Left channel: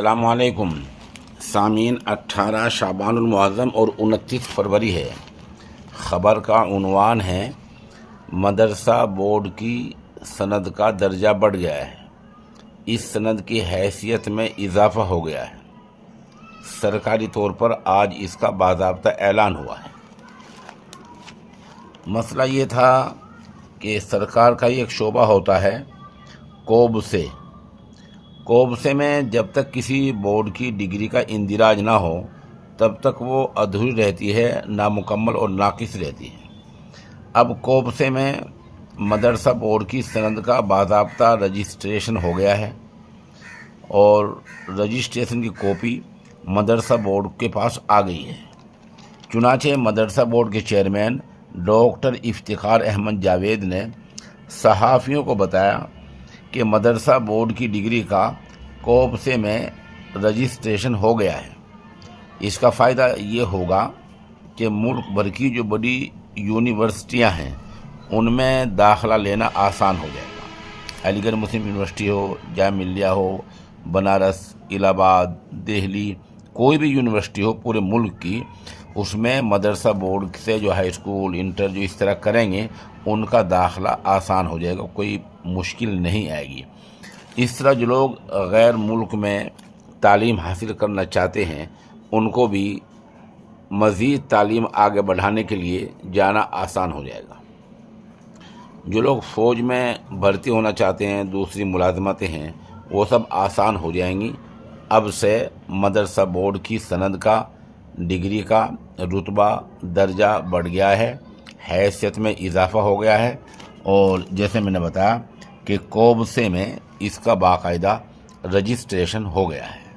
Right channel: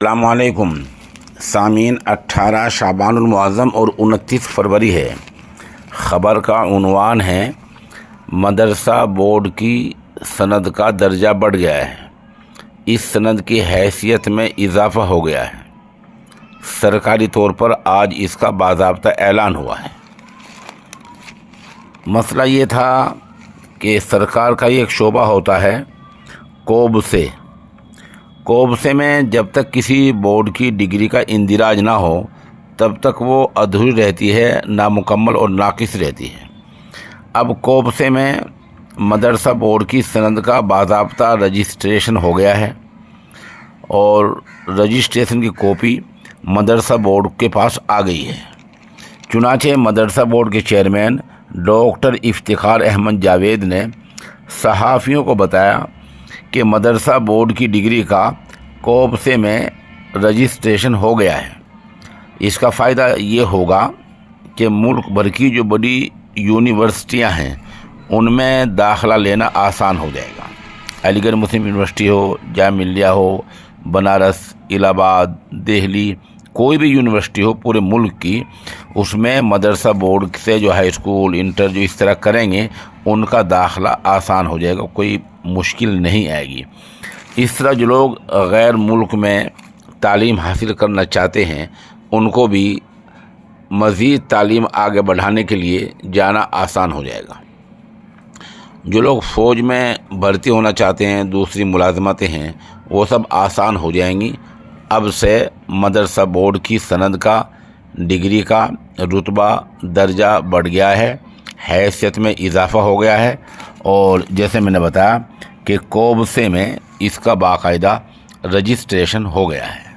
अस्सलाम वालेकुम सामीन। 18 शाबान मुअज़्ज़म और 29 फरवरी है। ख़बर का उन्वान है मदरसा बोर्ड की सनद का दर्जा बढ़ गया है। इस सनद की हैसियत में इजाफ़ा हो गया है। सरकारी तौर पर आज इसका बाज़ाब्ता ऐलान हुआ है। मसला ये था कि सरकार का एक शोबा होता है कोबसे में जब तक किसी बोर्ड की डिग्री का इंदिराज ना हो तब तक वो अधूरी रहती है, नामुकम्मल और नाकिस रहती है। अब कोबसे में मदरसा बोर्ड की सनद का बाज़ाब्ता रजिस्ट्रेशन हो गया है और रजिस्ट्रेशन की कॉपी मदरसा बोर्ड के पास आ गई है। चुनांचे मदरसा बोर्ड के चेयरमैन डॉक्टर इफ्तिखार अहमद जावेद ने सहाफ़ियों को बताया कि मदरसा बोर्ड की डिग्री का कोबसे में रजिस्ट्रेशन हो गया है। इसका फ़ायदा ये होगा कि मुल्क भर की जो बड़ी यूनिवर्सिटियां हैं उनमें दाखिला लेना आसान हो जाएगा। अलीगढ़ मुस्लिम यूनिवर्सिटी हो, जामिया मिल्लिया हो, बनारस, इलाहाबाद, दिल्ली, कोई भी यूनिवर्सिटी हो पूरे मुल्क की, उसमें मदरसा बोर्ड से जो हाई स्कूल इंटर जो इस तरह करेंगे उनका दाखिला आसान हो जाएगा, कोई मुश्किल नहीं आएगी। इस तरह जो लोग गैर मुल्क में तालीम हासिल करना चाहते हैं उनको भी मज़ीद तालीम आगे बढ़ाने के लिए जाना आसान हो जाएगा। जो लोग फ़ौज में भर्ती होना चाहते हैं, दूसरी मुलाजमतें हैं, वो सब आसान हो जाएंगी। अब से मदरसा बोर्ड की सनद का, डिग्री का रुतबा दर्जा बढ़ गया है, हैसियत में इजाफ़ा हो गया है और जैसे मैंने बताया कि कोबसे में इसका बाकायदा रजिस्ट्रेशन हो गया है।